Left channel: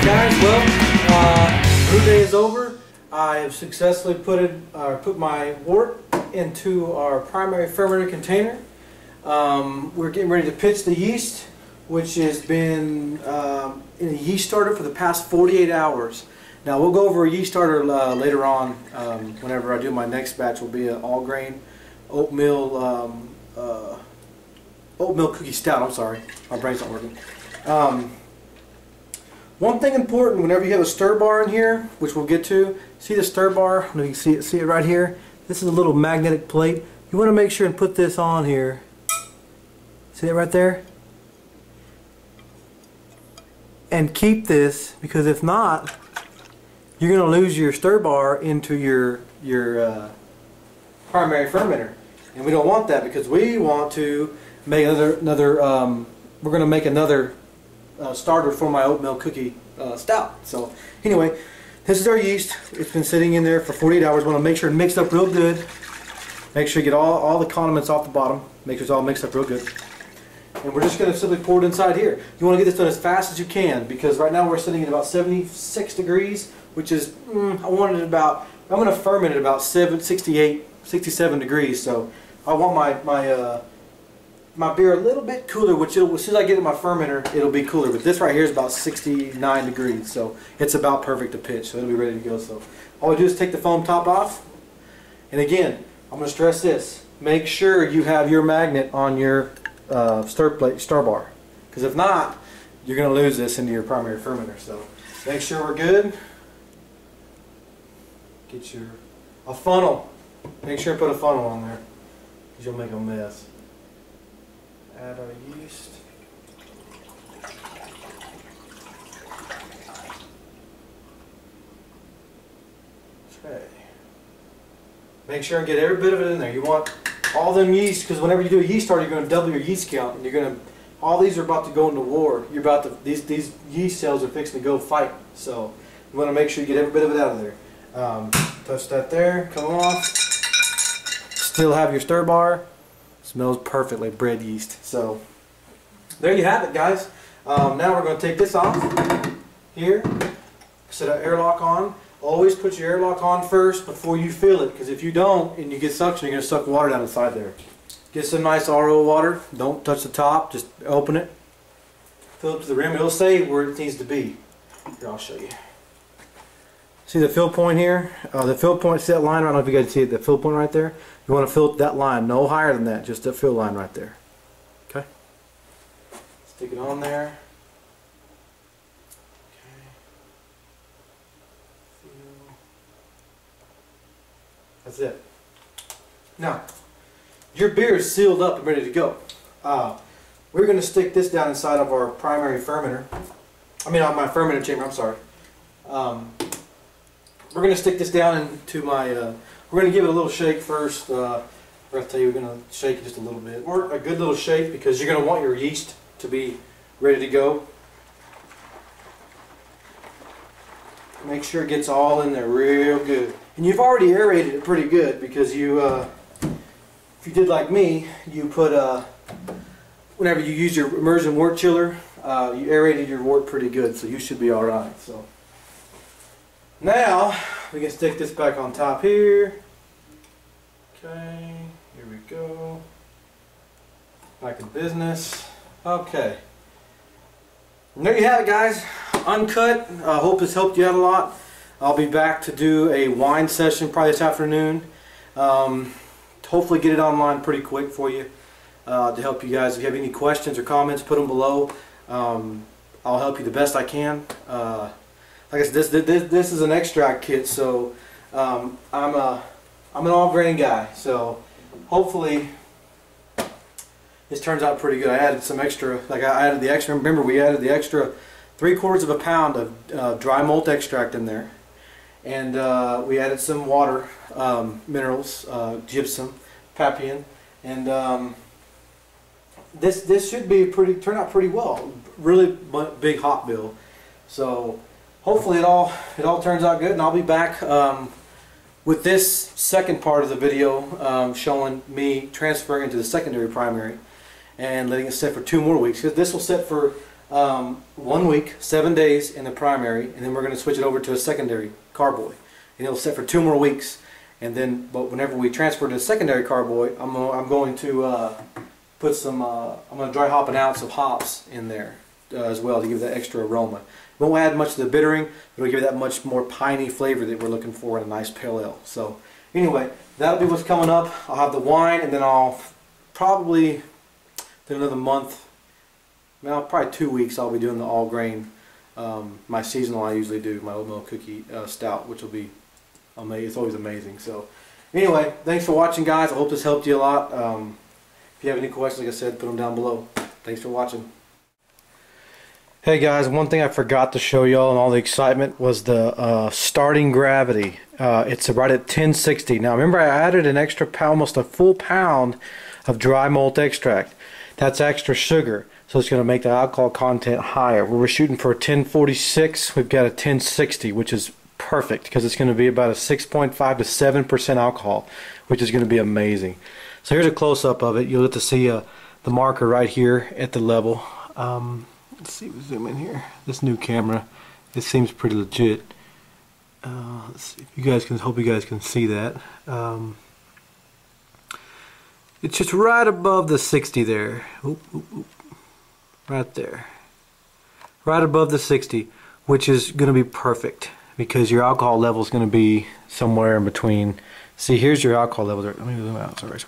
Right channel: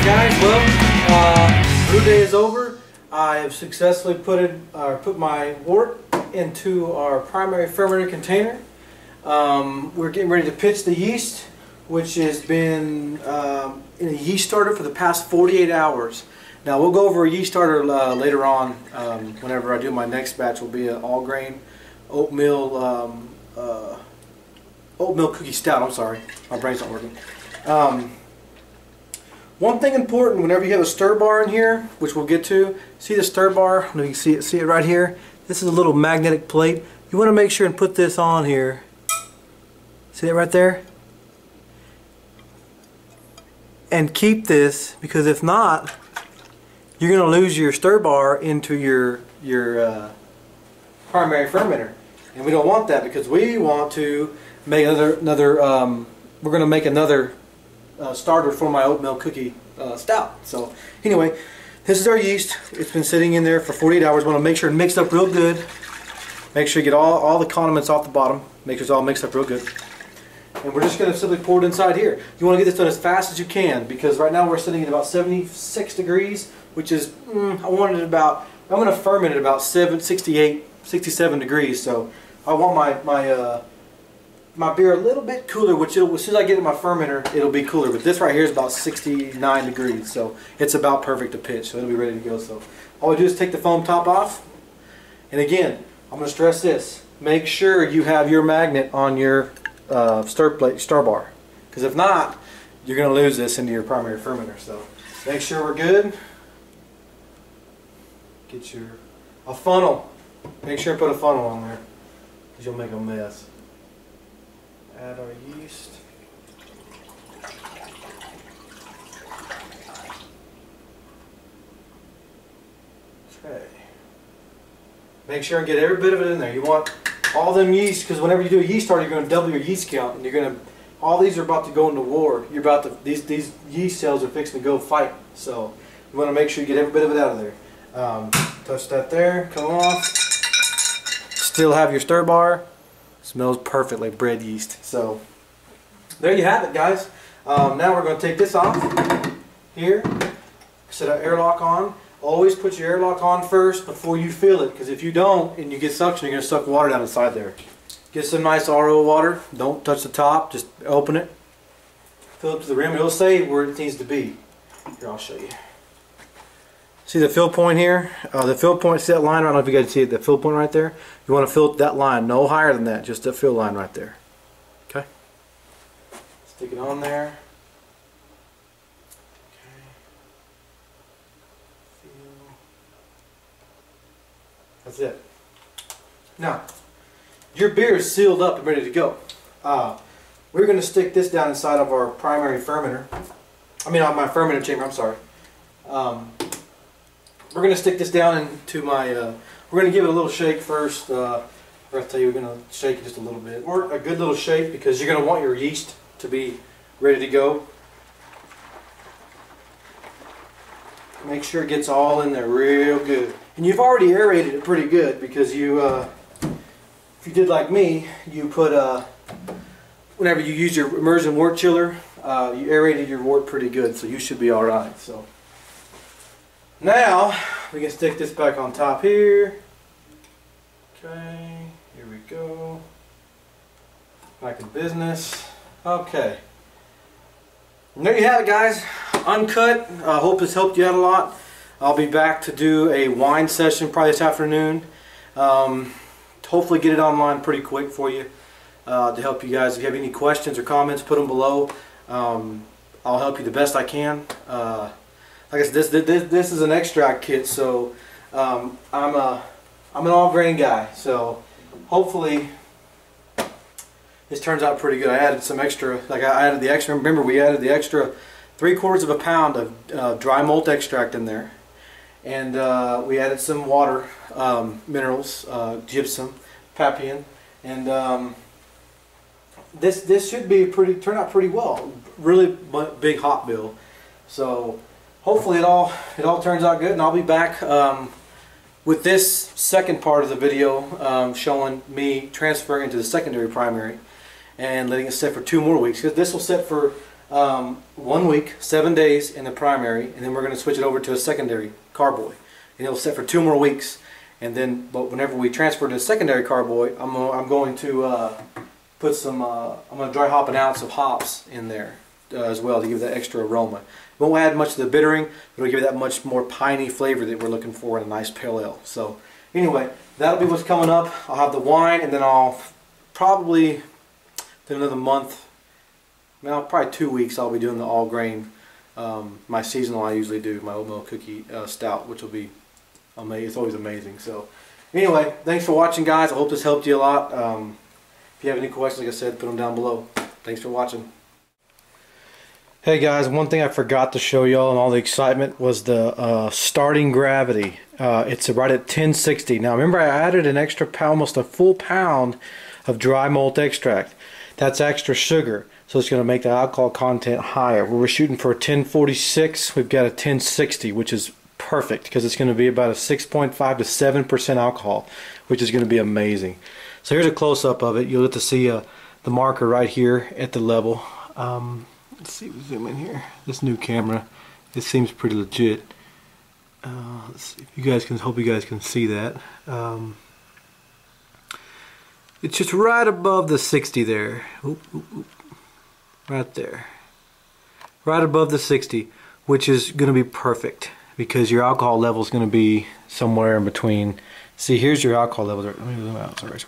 Alright guys, well, brew day is over. I have successfully put my wort into our primary fermenter container. We're getting ready to pitch the yeast, which has been in a yeast starter for the past 48 hours. Now we'll go over a yeast starter later on. Whenever I do my next batch, will be an all grain oatmeal cookie stout. I'm sorry, my brain's not working. One thing important, whenever you have a stir bar in here, which we'll get to, see the stir bar? You can see it right here. This is a little magnetic plate. You want to make sure and put this on here. See it right there? And keep this, because if not, you're going to lose your stir bar into your primary fermenter, and we don't want that, because we want to make another. We're going to make another starter for my oatmeal cookie stout. So anyway, this is our yeast. It's been sitting in there for 48 hours. We want to make sure it mixed up real good. Make sure you get all the condiments off the bottom. Make sure it's all mixed up real good. And we're just going to simply pour it inside here. You want to get this done as fast as you can, because right now we're sitting at about 76 degrees, which is, I'm going to ferment at about 68, 67 degrees. So I want my beer a little bit cooler, which as soon as I get in my fermenter, it'll be cooler. But this right here is about 69 degrees, so it's about perfect to pitch. So it'll be ready to go. So all we do is take the foam top off. And again, I'm going to stress this: make sure you have your magnet on your stir bar, because if not, you're going to lose this into your primary fermenter. So make sure we're good. Get a funnel. Make sure and put a funnel on there, because you'll make a mess. Add our yeast. Okay. Make sure and get every bit of it in there. You want all them yeast, because whenever you do a yeast starter, you're going to double your yeast count, and you're going to. All these are about to go into war. You're about to. These yeast cells are fixing to go fight. So you want to make sure you get every bit of it out of there. Touch that there. Come off. Still have your stir bar. Smells perfect like bread yeast. So there you have it, guys. Now we're going to take this off here, set our airlock on. Always put your airlock on first before you fill it, because if you don't and you get suction, you're going to suck water down inside there. Get some nice RO water. Don't touch the top, just open it, fill it to the rim. It'll say where it needs to be. Here, I'll show you. See the fill point here? The fill point, see that line? I don't know if you guys see it, the fill point right there. You want to fill that line, no higher than that, just the fill line right there. Okay? Stick it on there. Okay. Feel. That's it. Now, your beer is sealed up and ready to go. We're going to stick this down inside of our primary fermenter. I mean, on my fermenter chamber, I'm sorry. We're going to stick this down into my, we're going to give it a little shake first. We're going to tell you we're going to shake it just a little bit. Or a good little shake, because you're going to want your yeast to be ready to go. Make sure it gets all in there real good. And you've already aerated it pretty good, because you, if you did like me, you put, whenever you use your immersion wort chiller, you aerated your wort pretty good, so you should be alright. So now we can stick this back on top here. Okay, here we go. Back in business. Okay. And there you have it, guys. Uncut. I hope this helped you out a lot. I'll be back to do a wine session probably this afternoon. Hopefully get it online pretty quick for you to help you guys. If you have any questions or comments, put them below. I'll help you the best I can. Like I said, this is an extract kit, so I'm an all grain guy. So hopefully this turns out pretty good. I added some extra, like I added the extra. Remember, we added the extra 3/4 pound of dry malt extract in there, and we added some water, minerals, gypsum, papian, and this should be turn out pretty well. Really big hop bill. So hopefully it all turns out good, and I'll be back with this second part of the video showing me transferring into the secondary primary and letting it sit for 2 more weeks, because this will sit for 1 week, 7 days in the primary, and then we're going to switch it over to a secondary carboy, and it'll sit for 2 more weeks. And then, but whenever we transfer to a secondary carboy, I'm going to put some. I'm going to dry hop an ounce of hops in there as well to give that extra aroma. It won't add much to the bittering, but it'll give that much more piney flavor that we're looking for in a nice pale ale. So anyway, that'll be what's coming up. I'll have the wine, and then I'll probably in another month, well, probably 2 weeks, I'll be doing the all grain. My seasonal I usually do, my oatmeal cookie stout, which will be amazing. It's always amazing. So anyway, thanks for watching, guys. I hope this helped you a lot. If you have any questions, like I said, put them down below. Thanks for watching. Hey guys, one thing I forgot to show y'all and all the excitement was the starting gravity. It's right at 1060. Now remember, I added an extra pound, almost a full pound of dry malt extract. That's extra sugar, so it's going to make the alcohol content higher. We're shooting for a 1046. We've got a 1060, which is perfect because it's going to be about a 6.5 to 7% alcohol, which is going to be amazing. So here's a close-up of it. You'll get to see the marker right here at the level. Let's see, we zoom in here. This new camera, it seems pretty legit. Let's see if you guys can. Hope you guys can see that. It's just right above the 60 there. Oop, oop, oop. Right there. Right above the 60, which is going to be perfect because your alcohol level is going to be somewhere in between. See, here's your alcohol level. Let me zoom out. Sorry.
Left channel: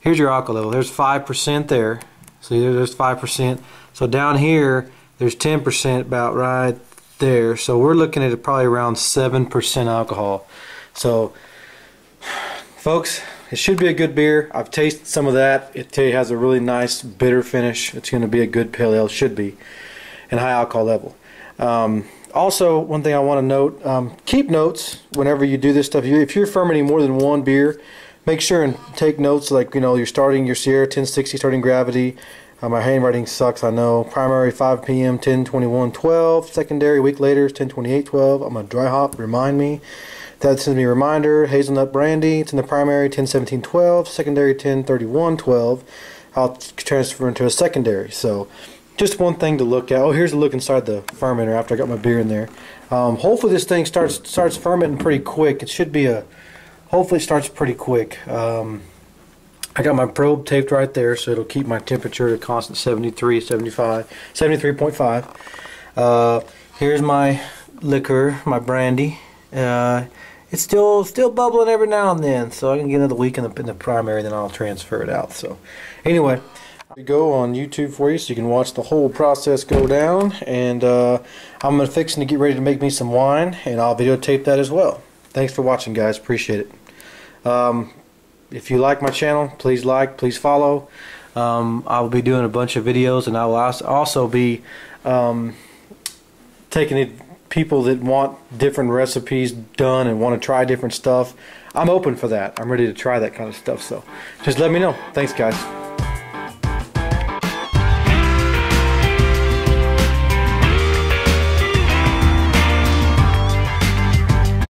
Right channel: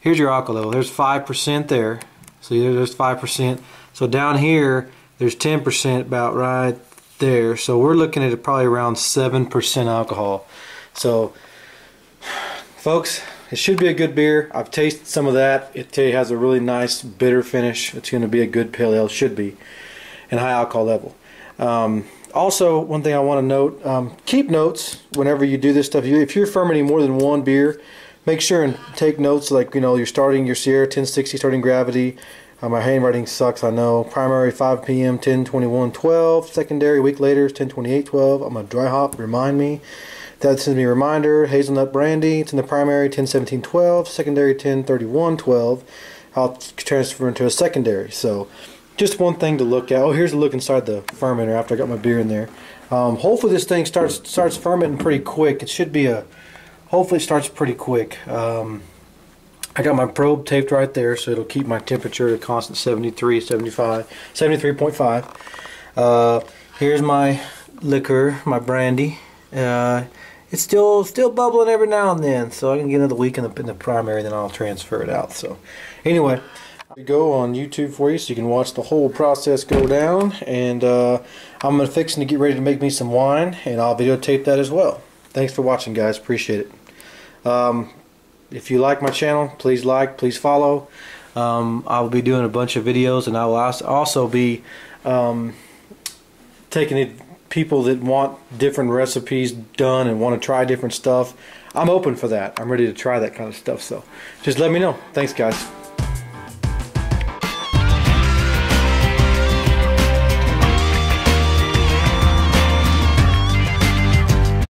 Here's your alcohol level. There's 5% there. See, there's 5%. So down here, there's 10% about right there. So we're looking at probably around 7% alcohol. So, folks, it should be a good beer. I've tasted some of that. It has a really nice bitter finish. It's going to be a good pale ale, should be, and high alcohol level. Also, one thing I want to note, keep notes whenever you do this stuff. If you're fermenting more than one beer, make sure and take notes, like, you know, you're starting your Sierra 1060 starting gravity. My handwriting sucks, I know. Primary 5 p.m. 10:21:12. Secondary a week later is 10:28:12. I'm gonna dry hop. Remind me. That sends me a reminder. Hazelnut brandy. It's in the primary 10:17:12. Secondary 10:31:12. I'll transfer into a secondary. So just one thing to look at. Oh, here's a look inside the fermenter after I got my beer in there. Hopefully this thing starts fermenting pretty quick. It should be a. Hopefully it starts pretty quick. I got my probe taped right there, so it'll keep my temperature at a constant 73.5. Here's my liquor, my brandy. It's still bubbling every now and then, so I can get another week in the primary, then I'll transfer it out. So anyway, I'll go on YouTube for you so you can watch the whole process go down. And I'm fixing to get ready to make me some wine, and I'll videotape that as well. Thanks for watching, guys. Appreciate it. If you like my channel, please like, please follow. I will be doing a bunch of videos, and I will also be taking people that want different recipes done and want to try different stuff. I'm open for that. I'm ready to try that kind of stuff, so just let me know. Thanks, guys.